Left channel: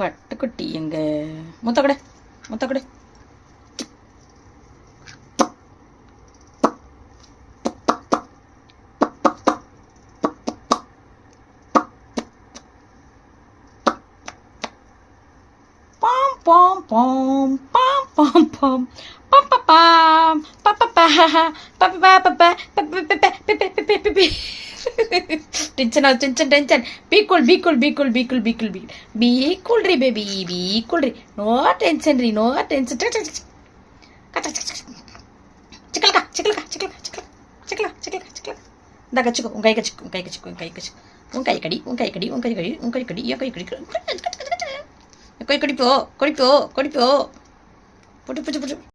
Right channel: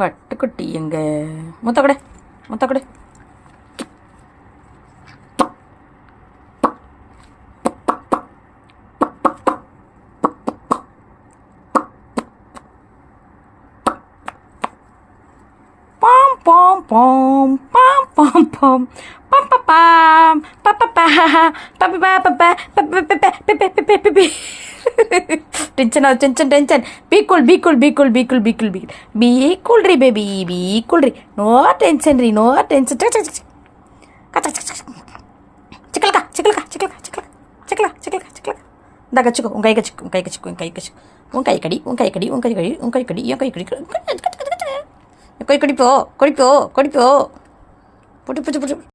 பட்டுக்குட்டி எங்க முத்த கொடு முத்த கொடு. பாம் பாம் பாம் பாம் பாம் பாம் பாம் பாம் பாம். Tension out, tension. Be cool, re baby, be cool re. No tension re, no tension. Chikla. Daga chiko, ungai kadi. Kodi po. Putu.